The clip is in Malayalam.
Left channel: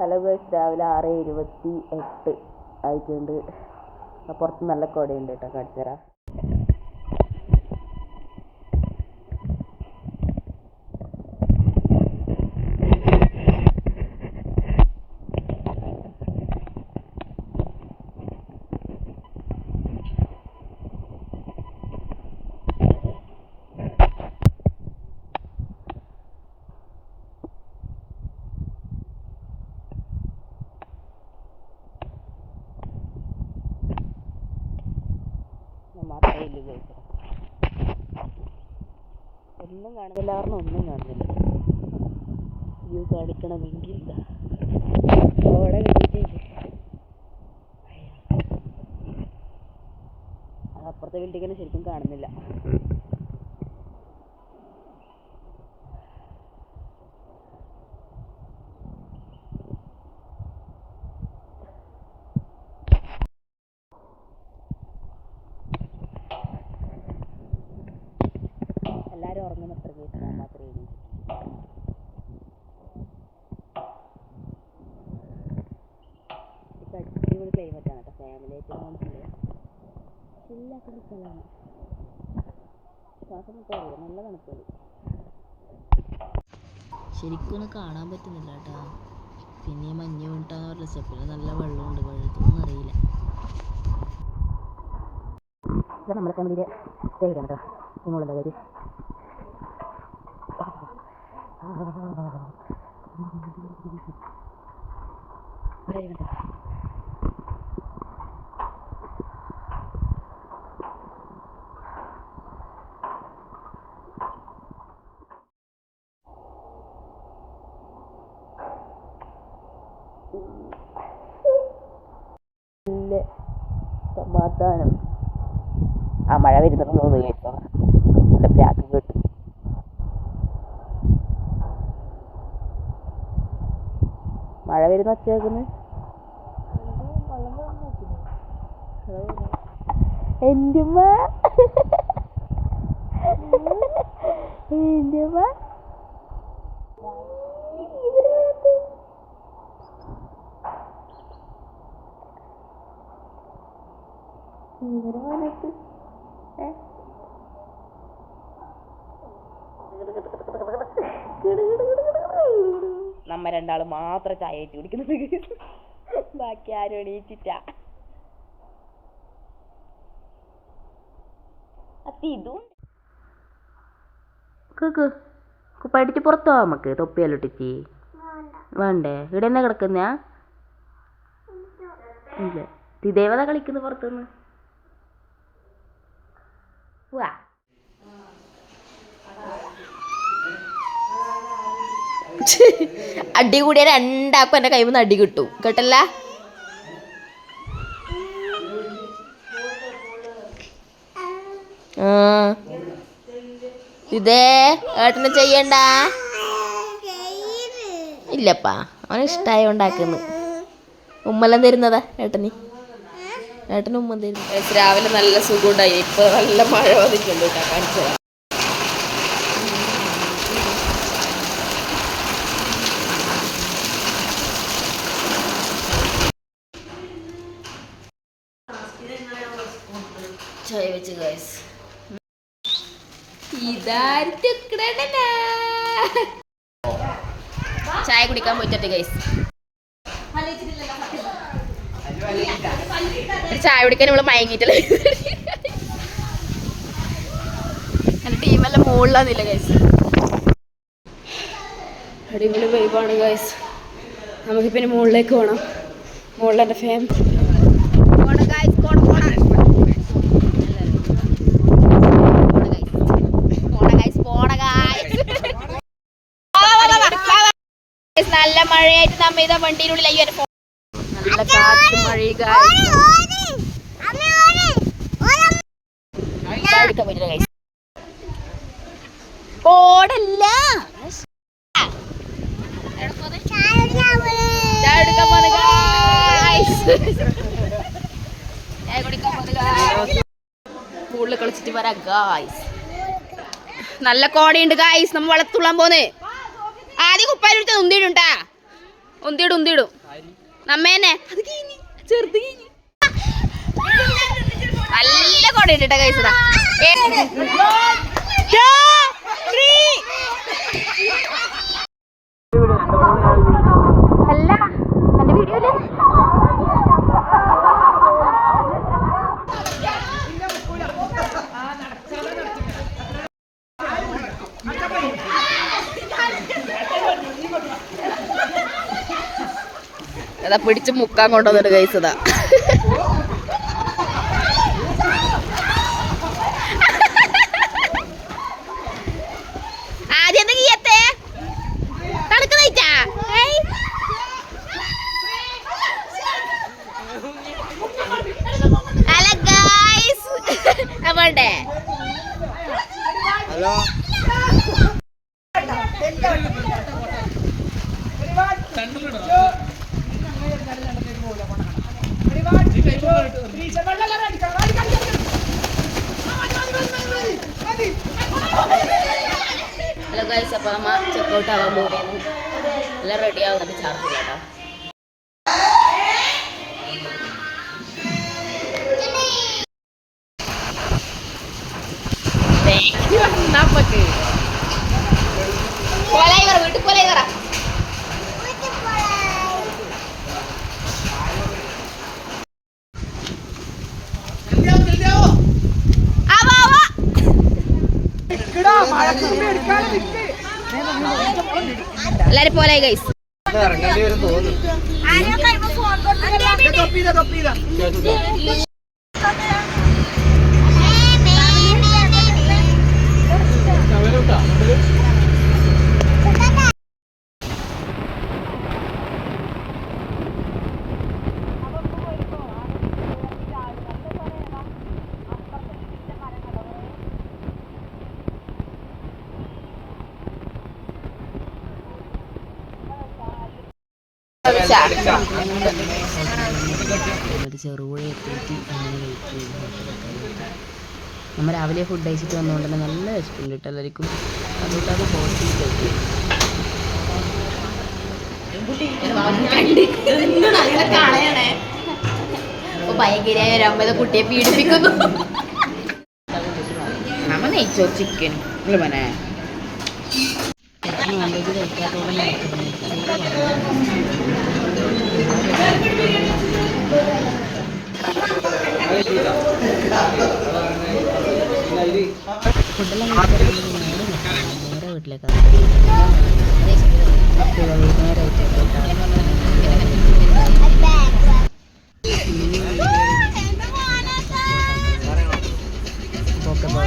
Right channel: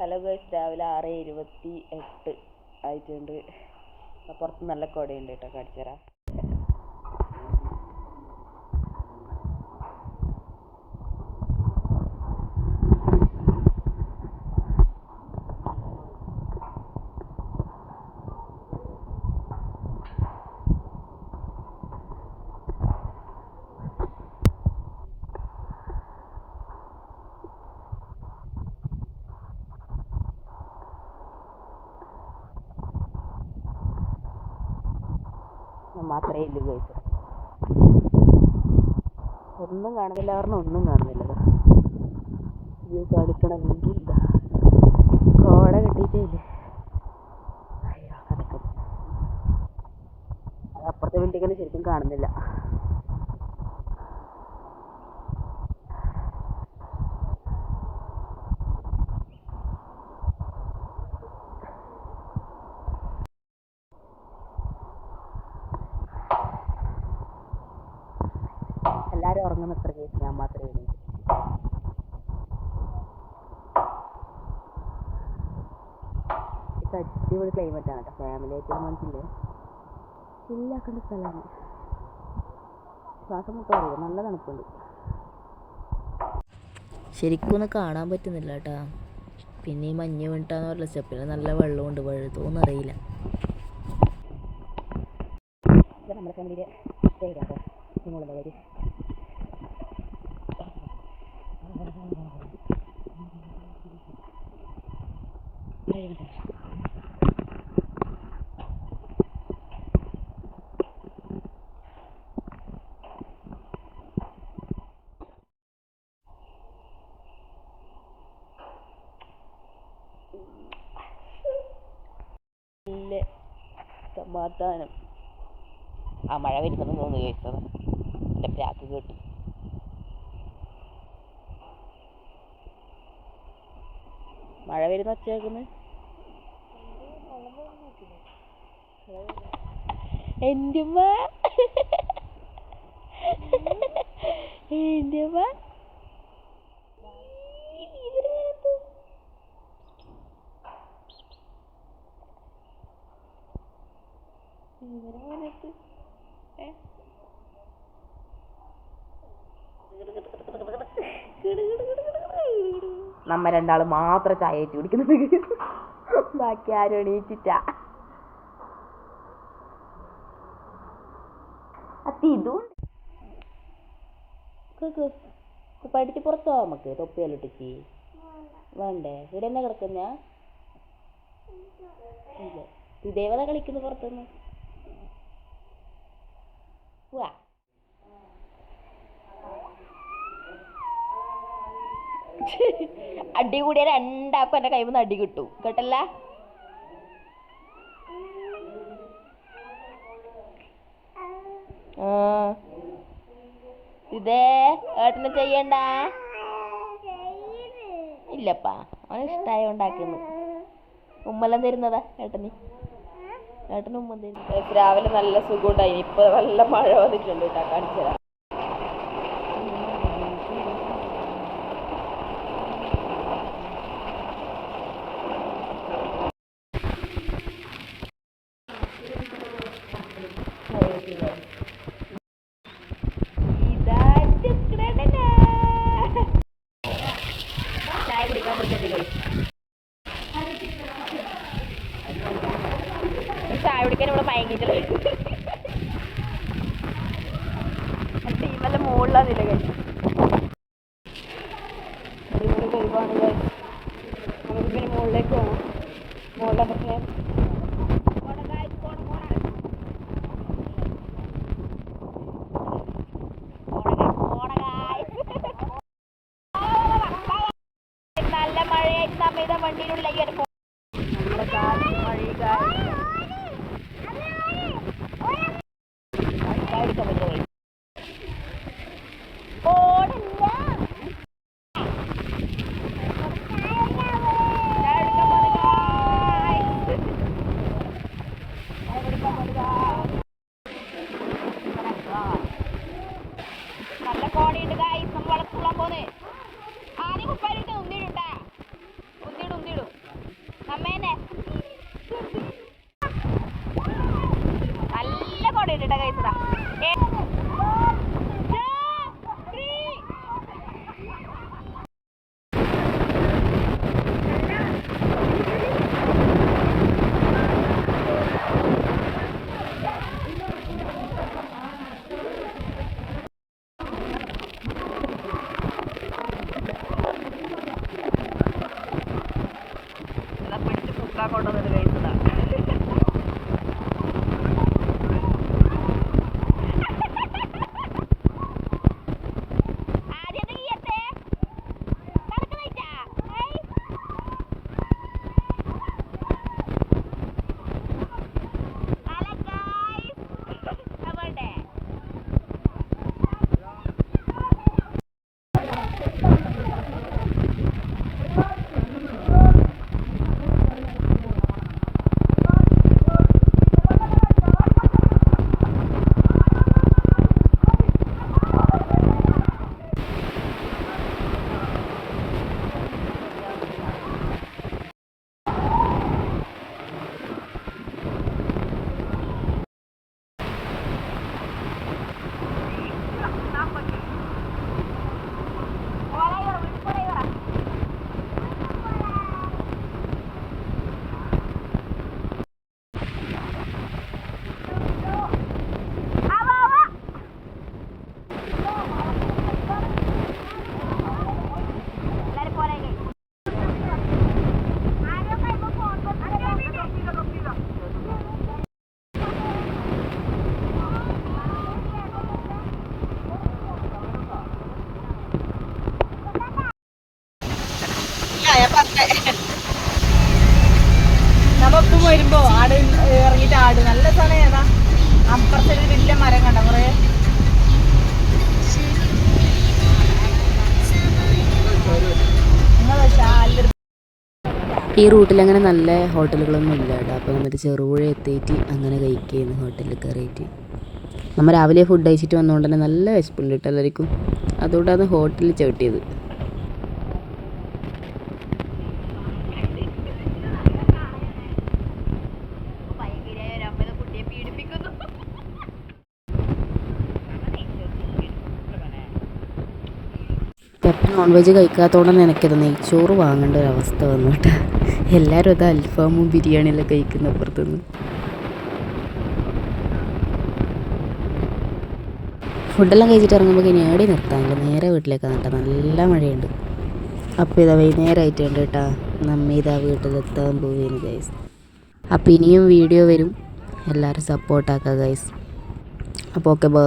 ഹലോ ഗൈസ് രാവിലെ ആറ് ഇരുപത്തി എട്ട് ആയിട്ടുണ്ട്. പുറത്ത് നല്ല കുടയുണ്ട് കേട്ടോ കാണിച്ചു തരാം ഞാൻ മാത്രമേ ഇല്ലു ചോദിച്ചത് ഒന്നും കാണുന്നില്ല കാരണം ഒന്നും കാണുന്നില്ല. വ്യൂ കാണിക്കണമെങ്കിൽ കോട കിട്ടിയിട്ടില്ലേ? അപ്പുറത്തെ ബിൽഡിങ്ങിന് ശരിക്കും കാണുന്നില്ല. എല്ലാവരും ഉറങ്ങുന്ന എത്ര കേസ് ഞാൻ മാത്രമേ എണീറ്റു അടിപൊളി ക്ലൈമറ്റ് ആണ് കേട്ടോ. ഫാമിലി ആയിട്ട് മനസ്സില്ലേ ചില്ലാക്കേണ്ട സ്ഥലമാണ്. ശ്വാസം മുട്ട അറിയില്ല നല്ല തണുപ്പുണ്ട്. ശരിക്കും ഒന്ന് കാണാൻ പറ്റുന്നില്ല കേട്ടാ. പിന്നെ ഈ മഞ്ഞ് വീണിട്ടാന്ന് പറഞ്ഞ സ്റ്റെപ്പിന് നല്ല വെള്ളമുണ്ട്. വെള്ളത്തൊന്നും അറിയില്ല. നമ്മുടെ ഫാമിലിയിലെ കേട്ടോ. നിങ്ങളുടെ കാര്യം. സമാധാനം. ആ മഴ വരുന്നുണ്ടെന്ന് തോന്നുന്നു കേട്ടോ. എന്റെ ബ്ലാക്ക് കേട്ടു. മഴ വരുന്ന ഒച്ച കേൾക്കുന്നത് എന്റെ ഉമ്മ. എന്റെ ഉമ്മ. ഇവർ മനത്ത് ഏ നമ്മ രണ്ടാൾ മാത്രം ചായ വെച്ച് കുടിക്കുന്നത്. ബാക്കി ആരും എണീറ്റിട്ടാ ഇതും കേക്ക് കുപ്പായിട്ടിച്ച് പുറത്തു നമുക്ക് തൊപ്പിയെല്ലാം വേണ്ടേ? ഇവിടെ തന്നെ കിടക്കുന്ന? ഇല്ല. ദേവത കളിക്കുന്നു പുറത്തുനിന്ന്. വാ അടി കൂടിയ രണ്ടാക്കും കൈമിൽ നിന്ന് അടി കിട്ടും. കേട്ടല്ല. ഇതേ ഏട്ടന് ചെയ്യണ്ട? ഇല്ലപ്പാ അവന് ഇഷ്ടമായ ഉണ്ടാക്കുന്നു ഉമ്മലം തരുന്നതാ ഏട്ടന്. ഏട്ടന് ഉമ്മ തരുന്നു. രാവിലെ നല്ല സുഖം ഉണ്ടായി ഇപ്പൊ നല്ല മഴ വന്നിട്ടുണ്ട് കേട്ടോ കാണിച്ചു ചായ വെച്ച് ഗൈസ് ചായ കുടിക്കാൻ പോയിട്ടുണ്ട് ഗൈസ് ചായ കുടിക്കാൻ ഇവിടെ മയങ്ങിയിട്ടില്ല. ടീമെല്ലാം മുകളിലാന്നില്ല ഗൈസ് അടിപൊളി വൈബാണ് ഗൈസ് നമുക്ക് പിന്നെ മുകളിലേക്ക് പോകണം മുകളിൽ എന്റെ ഫാം നല്ല മഴയായിട്ട് നമ്മ ഇതാ എന്റെ phone. നല്ല കാറ്റ് കളിച്ചിട്ട് വരാം ഗായ്സ് നല്ല കോടയുണ്ട് ഗായ്സ് നമ്മൾ വളർത്തുള്ളാൻ പോന്ന്. ആദ്യം കുപ്പായിലെടുത്ത് ഉന്തിയിടുണ്ടാ ഉന്തിയിടും ഉന്തിയിടും നമ്മേനെ നല്ല കൊടയിട്ടാ ഇട്ടിട്ട കഴിച്ചതാ അതാ പിടിച്ച് മുക്കാൻ കൊണ്ടുവന്നിട്ട് കഴിച്ചതാ hello. നമുക്ക് കൊലായി പറ വീട്ടിൽ കൊലായി പറ ആവാ ആവാ എല്ലാരും പോലായി ഗൈസ് നമ്മപ്പം ഈ റൂട്ടിൽ അങ്ങനെ നല്ല ഹോട്ടലുകളൊന്നും ഇല്ല. അപ്പോൾ നമ്മൾ ചെറുപുഴ എത്തിയിട്ട് അങ്ങനെ കഴിക്കുകയും ഹോട്ടലിൽ കയറിയിട്ട് നമ്മൾ രാവിലെ ഫുഡ് കഴിച്ചിട്ട് വന്നതുകൊണ്ട് തന്നെ നല്ല വിശപ്പുണ്ട് കേട്ടോ എല്ലാവർക്കും. അതുകൊണ്ടാണ് ഹോട്ടലിൽ ചവിട്ട് ചെയ്തു കുട്ടിയെ പീഡിപ്പിക്കുന്നു നമ്മ ചിക്കൻ എത്ര നോൺ വെജ് കഴിക്കാത്തതുകൊണ്ടാണ് എനിക്കത് നെയ്ച്ചോറ് വാങ്ങേണ്ട ഒരു അവസ്ഥ വന്നിട്ട്. എല്ലാവരും അത് അൽഫാമും ബിരിയാണിയൊക്കെ അപ്പുറത്തുനിന്ന്. ഫുഡെല്ലാം കഴിച്ചിട്ട് ഇറങ്ങുമ്പോൾ നേരെ നിർത്താണ്ട് നേരെ വീട്ടിലേക്ക് കേട്ടോ നല്ല മഴയുണ്ട് അപ്പോൾ ഇതാ വൈകുന്നേരമായിട്ട് എന്റെ നന്ദി വീട്ടിലെത്താൻ പോകുന്നത് അപ്പോൾ ഇനിയും വീഡിയോ വരും. എല്ലാവരും സപ്പോർട്ടാക്കുക ഗൈസ് അപ്പോൾ ഓക്കെ ബൈ